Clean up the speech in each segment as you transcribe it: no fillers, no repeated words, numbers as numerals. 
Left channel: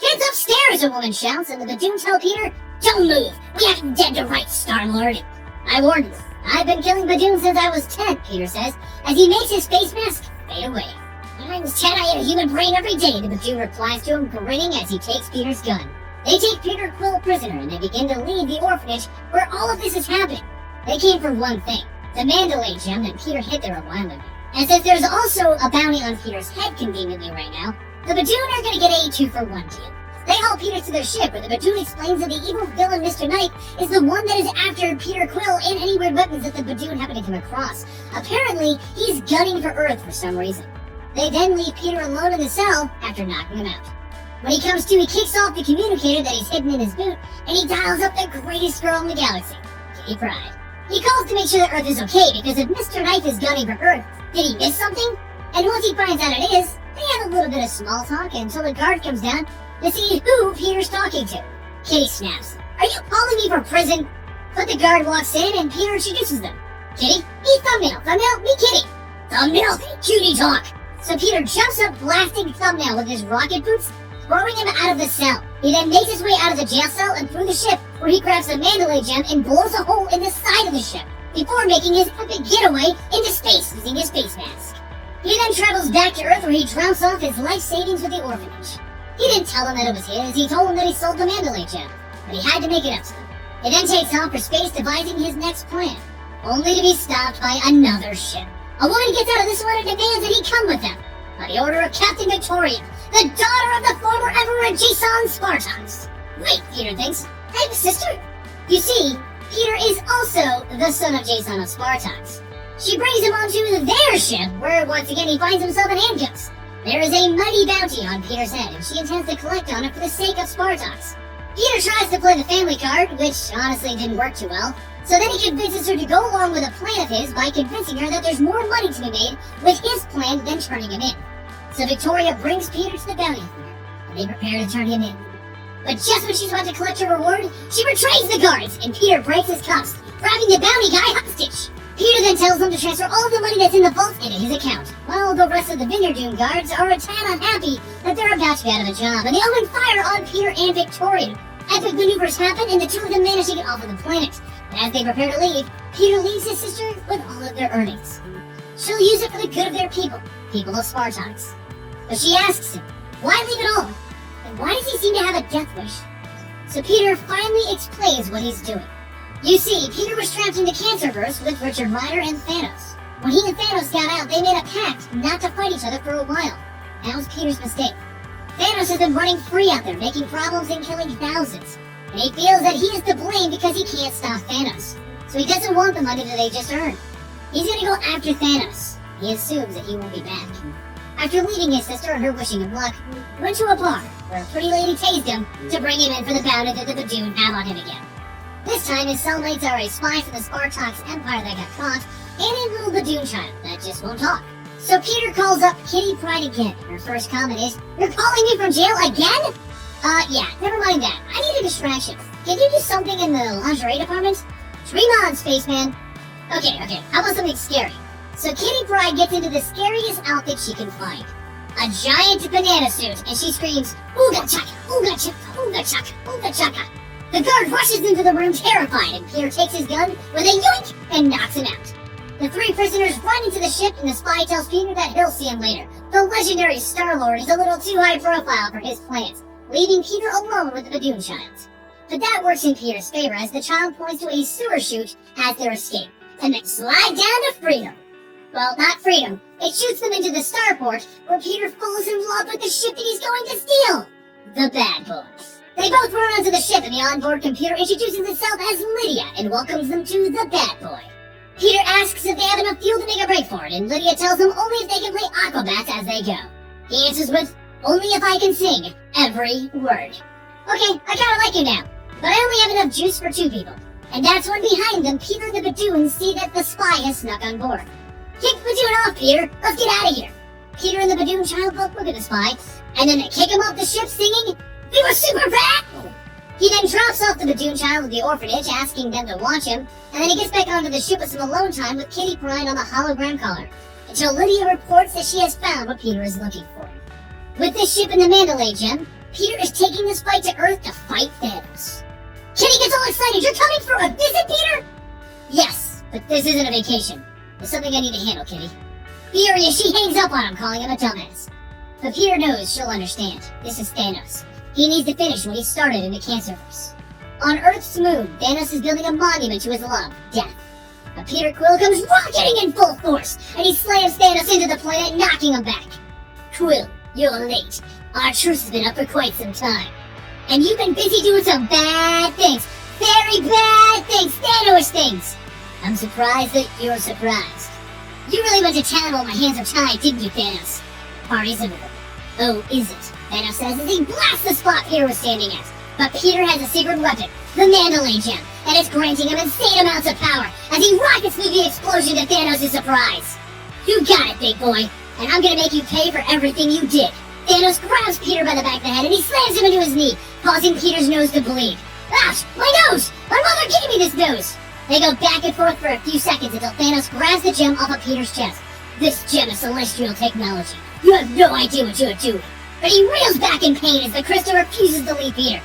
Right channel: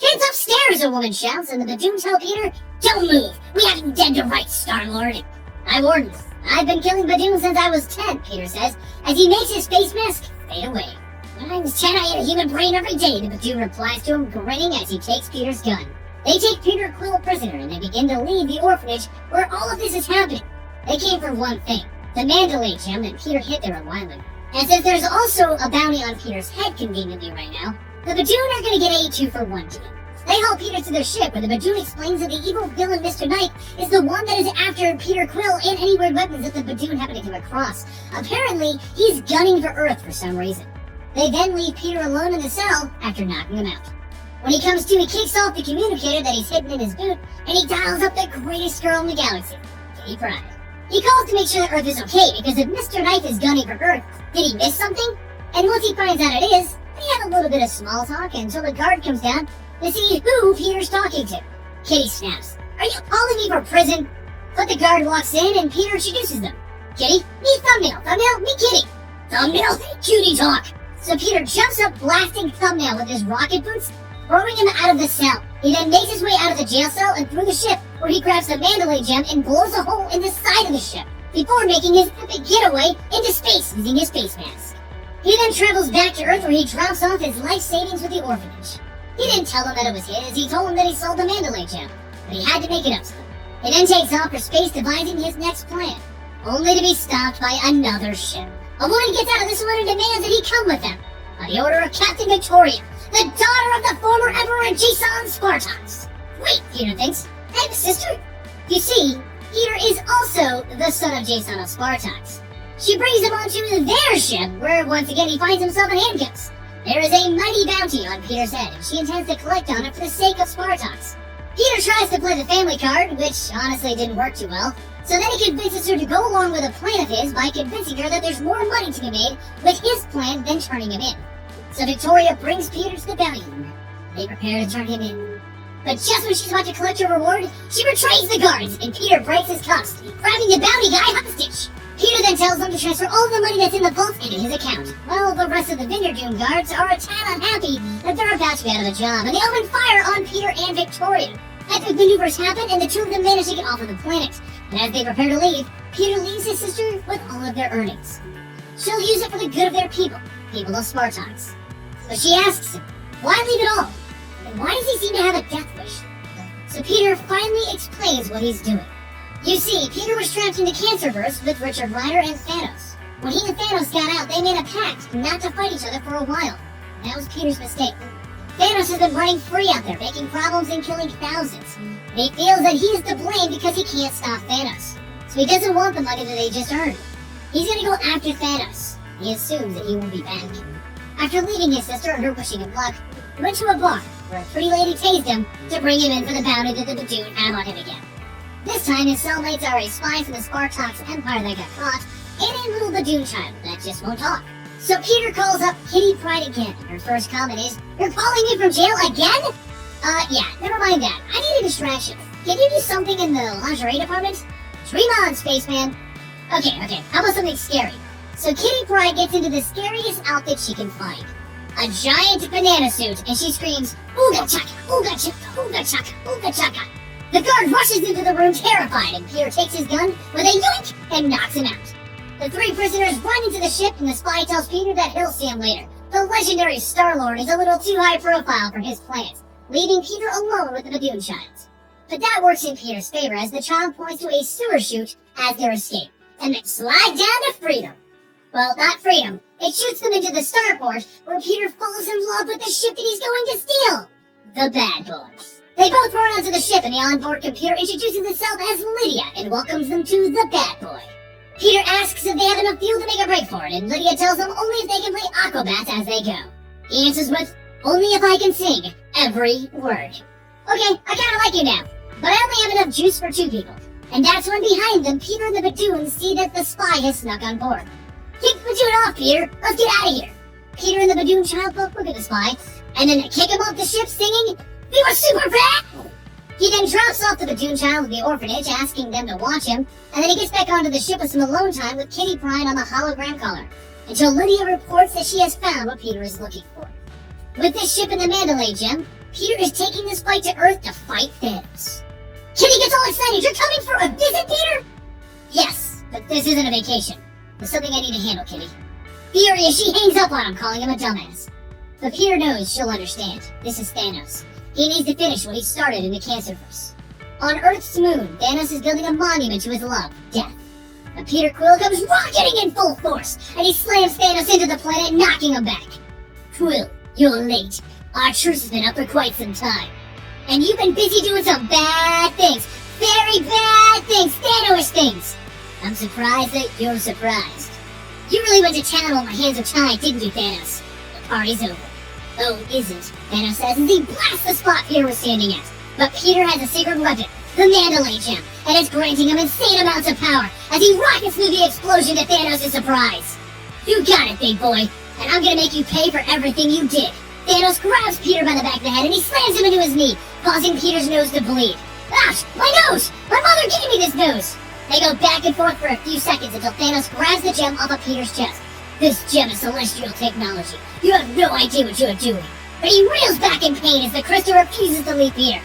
"Kids upstairs," a woman shouts, and the Badoons tell Peter, "Don't move. We haven't dead to rights, Star-Lord." "I warned you. I've been killing Badoons since I was 10, Peter says, as he makes his face mask fade away. "When I was 10, I ate a human brain every day," the Badoon replies to him, grinning as he takes Peter's gun. They take Peter Quill prisoner, and they begin to leave the orphanage where all of this is happening. They came for one thing, the Mandalay gem that Peter hid there a while ago. And since there's also a bounty on Peter's head conveniently right now, the Badoon are going to get a 2-for-1 deal. They haul Peter to their ship, where the Badoon explains that the evil villain Mr. Knight is the one that is after Peter Quill and any weird weapons that the Badoon happen to come across. Apparently, he's gunning for Earth for some reason. They then leave Peter alone in the cell after knocking him out. When he comes to, he kicks off the communicator that he's hidden in his boot, and he dials up the greatest girl in the galaxy, Kitty Pryde. He calls to make sure that Earth is okay, because if Mr. Knight is gunning for Earth, did he miss something? And once he finds out it is, they have a little bit of small talk until the guard comes down to see who Peter's talking to. Kitty snaps, "Are you calling me for prison?" But the guard walks in and Peter introduces them. "Kitty, me Thumbnail, Thumbnail, me Kitty." "Thumbnail, cutie talk." So Peter jumps up, blasting Thumbnail with his rocket boots, throwing him out of the cell. He then makes his way out of the jail cell and through the ship, where he grabs the Mandalay gem and blows a hole in the side of the ship, before making his epic getaway into space using his face mask. He then travels back to Earth, where he drops off his life savings with the orphanage. He didn't tell them that it was his, he told them that he sold the Mandalay gem, but he had to make it up to them. He then takes off for space, devising his next plan, only to be stopped by another ship. A woman gets out of this one and demands that he come with them, by the order of Captain Victoria, the daughter of the former Emperor Jason Spartax. Wait, Peter thinks, I have a sister? You see, Peter is also the son of Jason of Spartax. She brings him onto their ship, where once again he finds himself in handcuffs. There is a mighty bounty on Peter's head, and she intends to collect on it for the sake of Spartax. Peter tries to play the family card, which honestly didn't work too well, so then he convinces her to go along with a plan of his by convincing her that there's more money to be made with his plan than turning him in. So Victoria brings Peter to the bounty hunter, and they prepare to turn him in. But just when she's about to collect her reward, she betrays the guards, and Peter breaks his cuffs, grabbing the bounty guy hostage. Peter then tells them to transfer all the money that's in the vault into his account, while the rest of the Vineyard guards are a tad unhappy that they're about to be out of a job, and they open fire on Peter and Victoria. Epic maneuvers happen, and the two of them manage to get off of the planet. And as they prepare to leave, Peter leaves his sister with all of their earnings. She'll use it for the good of their people of Spartax. So she asks him, why leave it all? And why does he seem to have a death wish? So Peter finally explains what he's doing. You see, Peter was trapped in the Cancerverse with Richard Rider and Thanos. When he and Thanos got out, they made a pact not to fight each other for a while. That was Peter's mistake. Thanos has been running free out there, making problems and killing thousands. And he feels that he's to blame because he can't stop Thanos. So he doesn't want the money that they just earned. He's gonna go after Thanos. He assumes that he won't be back. After leaving his sister and her wishing him luck, he went to a bar where a pretty lady tased him to bring him in for the bounty that the Badoon have on him again. This time, his cellmates are a spy from the Spartax Empire that got caught, and a little Badoon child that just won't talk. So Peter calls up Kitty Pryde again. Her first comment is, "You're calling me from jail again?" Yeah, never mind that. I need a distraction. Can you do something in the lingerie department? Dream on, spaceman. Okay, how about something scary? So Kitty Pryde gets into the scariest outfit she can find. A giant banana suit, and she screams, "Ooga chaka, ooga chaka, ooga chaka, ooga chaka." The guard rushes into the room terrified, and Peter takes his gun with a yoink and knocks him out. The three prisoners run into the ship, and the spy tells Peter that he'll see him later. The legendary Star-Lord is a little too high profile for his plans, leaving Peter alone with the Badoon child. But that works in Peter's favor, as the child points to a sewer chute as their escape, and they slide down to freedom. Well, not freedom. It shoots them into the starport, where Peter falls in love with the ship that he's going to steal. The Bad Boys. They both run onto the ship, and the onboard computer introduces itself as Lydia and welcomes them to the Bad Boy. Peter asks if they have enough fuel to make a break for it, and Lydia tells him only if they can play Aquabats as they go. He answers with, "Only if I can sing every word." Okay, I kinda like you now, but I only have enough juice for 2 people. And that's when behind them, Peter and the Badoons see that the spy has snuck on board. "Kick the Badoon off, Peter! Let's get out of here!" Peter and the Badoon child both look at the spy, and then they kick him off the ship singing, "We were super fat!" He then drops off the Badoon child at the orphanage, asking them to watch him, and then he gets back onto the ship with some alone time with Kitty Pryde on the hologram collar, until Lydia reports that she has found what Peter is looking for. With this ship and the Mandalay gem, Peter is taking this fight to Earth to fight Thanos. Kitty gets all excited. You're coming for a visit, Peter? Yes, but this isn't a vacation. There's something I need to handle, Kitty. Furious, she hangs up on him, calling him a dumbass. But Peter knows she'll understand. This is Thanos. He needs to finish what he started in the Cancerverse. On Earth's moon, Thanos is building a monument to his love, death. But Peter Quill comes rocketing in full force, and he slams Thanos into the planet, knocking him back. Quill, you're late. Our truce has been up for quite some time. And you've been busy doing some bad things. Very bad things. Thanos things. I'm surprised that you're surprised. You really went to town while my hands were tied, didn't you, Thanos? The party's over. Oh, isn't, Thanos says as he blasts the spot Peter was standing at. But Peter has a secret weapon, the Mandalay Gem, and it's granting him insane amounts of power as he rockets through the explosion to Thanos' surprise. You got it, big boy, and I'm gonna make you pay for everything you did. Thanos grabs Peter by the back of the head and he slams him into his knee, causing Peter's nose to bleed. Ouch! My nose! My mother gave me this nose! They go back and forth for a few seconds until Thanos grabs the gem off of Peter's chest. This gem is celestial technology. You have no idea what you are doing. But he reels back in pain as the crystal refuses to leave Peter.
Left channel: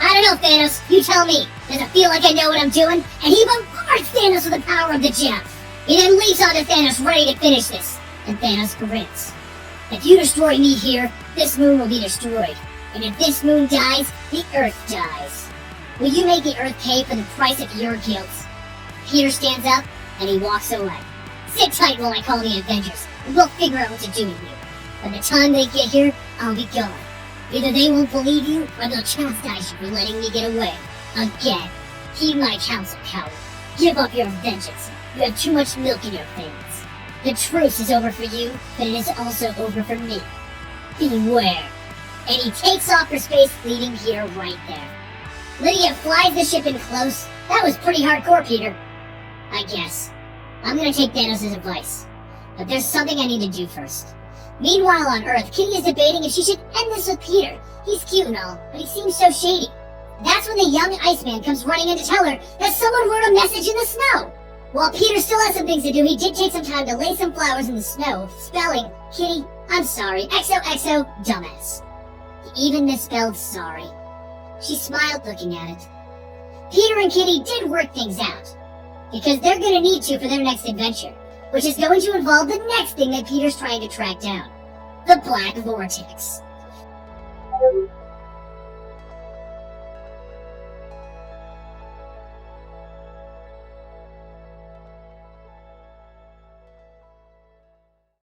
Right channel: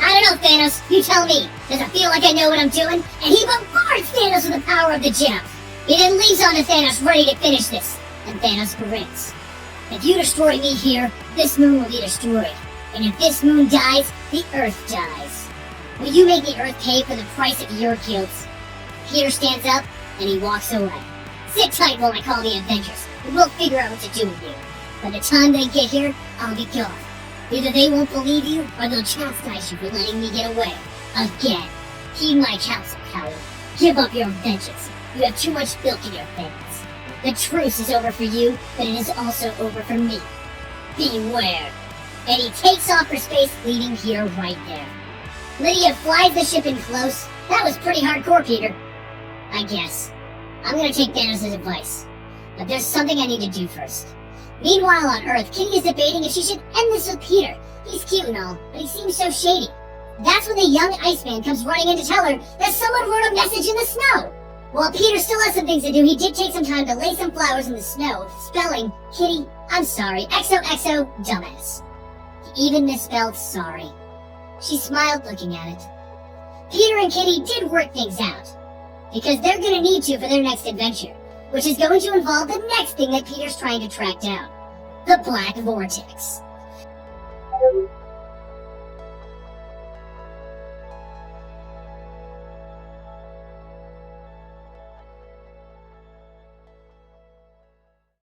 I don't know, Thanos. You tell me. Does it feel like I know what I'm doing? And he bombards Thanos with the power of the gem. He then leaps onto Thanos, ready to finish this. And Thanos grins. If you destroy me here, this moon will be destroyed. And if this moon dies, the Earth dies. Will you make the Earth pay for the price of your guilt? Peter stands up, and he walks away. Sit tight while I call the Avengers, and we'll figure out what to do with you. By the time they get here, I'll be gone. Either they won't believe you, or they'll chastise you for letting me get away. Again. Heed my counsel, coward. Give up your vengeance. You have too much milk in your veins. The truce is over for you, but it is also over for me. Beware. And he takes off for space, leaving Peter right there. Lydia flies the ship in close. That was pretty hardcore, Peter. I guess. I'm gonna take Thanos' advice. But there's something I need to do first. Meanwhile on Earth, Kitty is debating if she should end this with Peter. He's cute and all, but he seems so shady. That's when the young Iceman comes running in to tell her that someone wrote a message in the snow. While Peter still has some things to do, he did take some time to lay some flowers in the snow, spelling, Kitty, I'm sorry, XOXO, dumbass. He even misspelled sorry. She smiled looking at it. Peter and Kitty did work things out, because they're gonna need to for their next adventure, which is going to involve the next thing that Peter's trying to track down, the Black Vortex.